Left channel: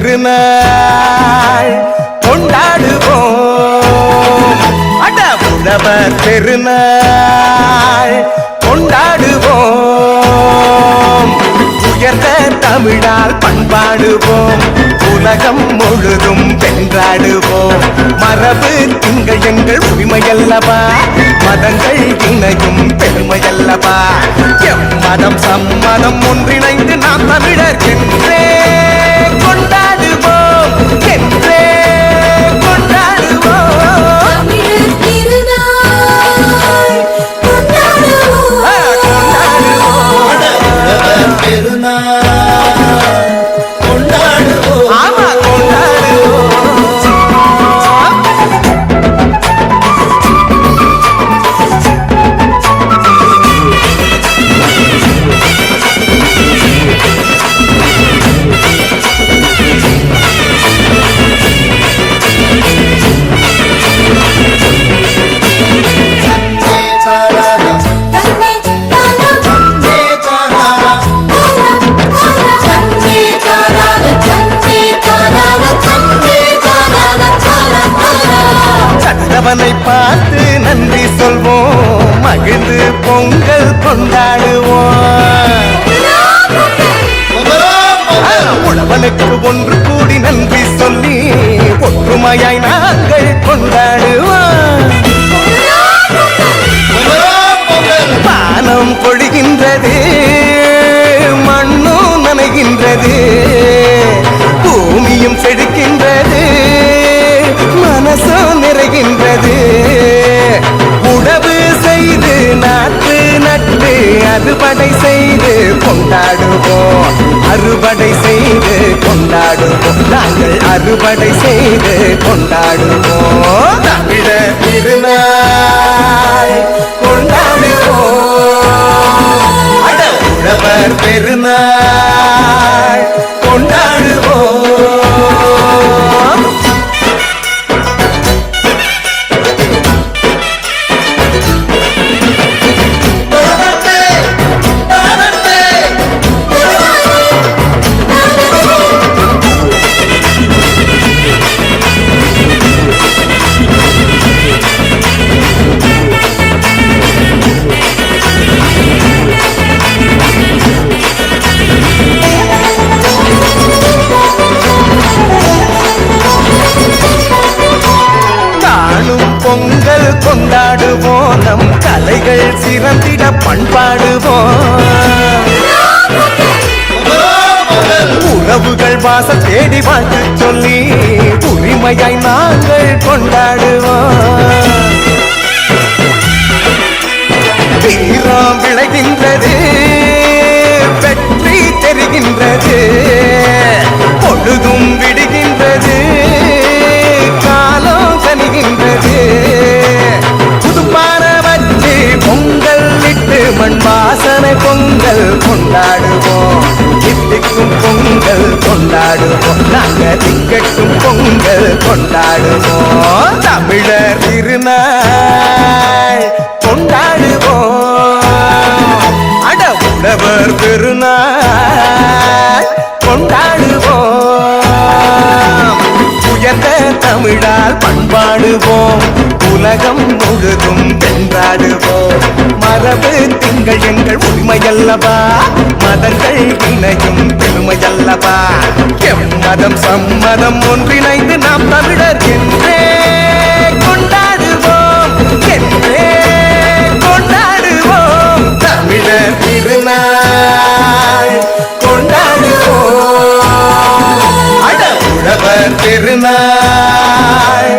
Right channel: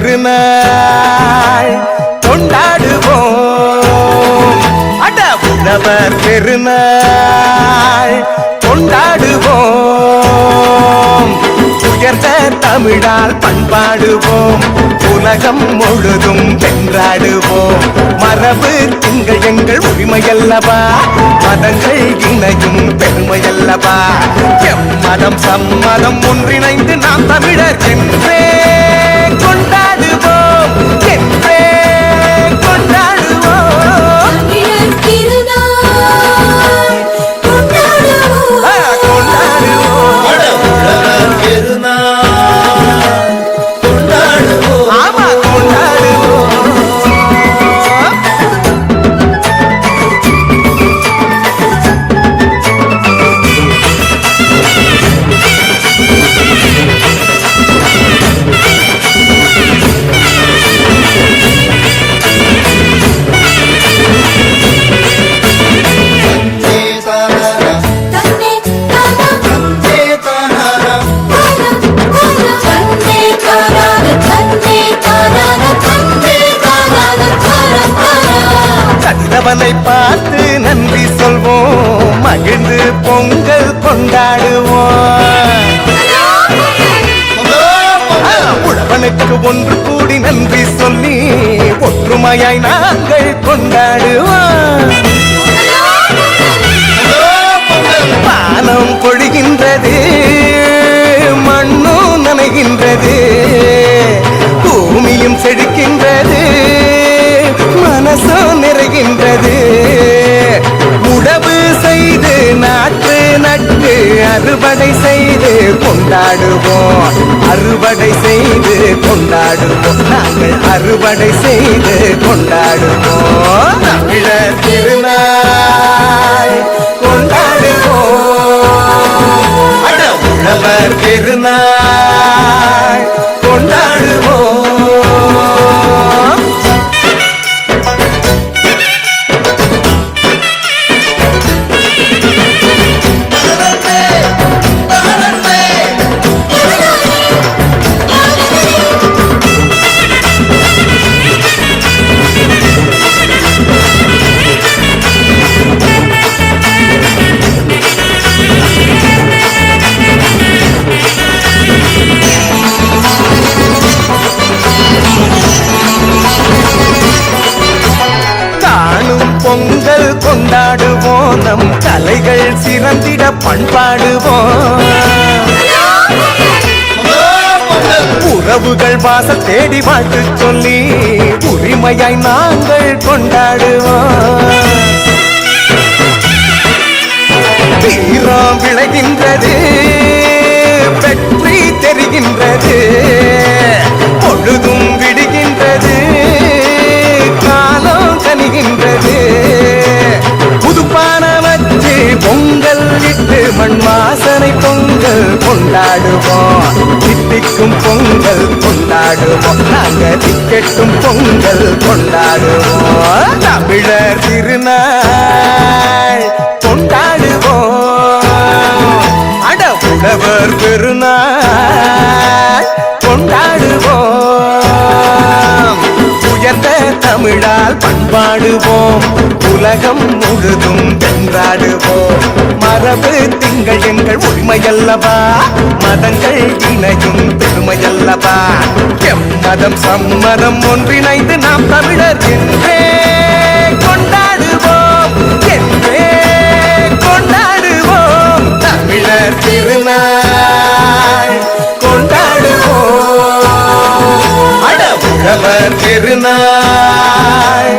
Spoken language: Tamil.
திருநாள் கொண்டாடுவோம். அட உழவர் பெருநாள் கொண்டாடுவோம். உயர்ந்த தமிழால் பண்பாடுவோம். உலகம் முழுதும் வென்றாடுவோம். மரபு திங்கள் எங்கள் உரிமையல்லவா, மதங்கள் இணையும் பெருமையல்லவா. எம்மதம் சம்மதம் ஒன்றிணைந்து நாம் தமிழர் என்றே கொண்டாடுவோம், என்றே கொண்டாடுவோம். ஆமா கொண்டாடுவோம். கதிரவனை பார்த்து நன்றி சொல்வோம், மகிழ்ந்து பொங்கல் கொண்டாடுவோம். உழவனுக்கு ஒன்று கூடி நன்றி சொல்லி ஒற்றுமையாய் நாங்கள் கொண்டாடுவோம். வானம் பொழிகின்றது, மண்ணும் நனைகின்றது, பூமியும் செழிக்கின்றது, மனசும் நிறைகின்றது. உழவு செய்து நாட்டு நட்டு அறுவடை செய்து கொண்டாடுவோம், அறுவடை செய்து கொண்டாடுவோம், நாங்கள் அறுவடை செய்து கொண்டாடுவோம். தமிழர் திருநாள் கொண்டாடுவோம். அட உழவர் பெருநாள் கொண்டாடுவோம். பொங்கல் கொண்டாடுவோம், நம் கலைகள் சிறந்திட பண்பாடுவோம். உறவுகள் வாசல் தேடி வாழ்த்து சொல்லி உரிமையாய் நாங்கள் கொண்டாடுவோம். வீரம் விளைகின்றது, வெற்றி தெரிகின்றது, பொழுதும் விடுகின்றது, காலம் கனிகின்றது. புதுப்பான வச்சு பொங்கல் விட்டு மண் வாசனை பொங்கல் கொண்டாடுவோம். தித்திக்கும் பொங்கல் கொண்டாடுவோம், நாங்கள் திக்கட்டும் பொங்கல் கொண்டாடுவோம். தமிழர் திருநாள் கொண்டாடுவோம். அட உழவர் பெருநாள் கொண்டாடுவோம். உயர்ந்த தமிழால் பண்பாடுவோம், உலகம் முழுதும் வென்றாடுவோம். மரபு திங்கள் எங்கள் உரிமையல்லவா, மதங்கள் இணையும் பெருமையல்லவா. எம்மதம் சம்மதம் ஒன்றிணைந்து நாம் தமிழர் என்றே கொண்டாடுவோம், என்றே கொண்டாடுவோம். தமிழர் திருநாள் கொண்டாடுவோம். அட உழவர் பெருநாள்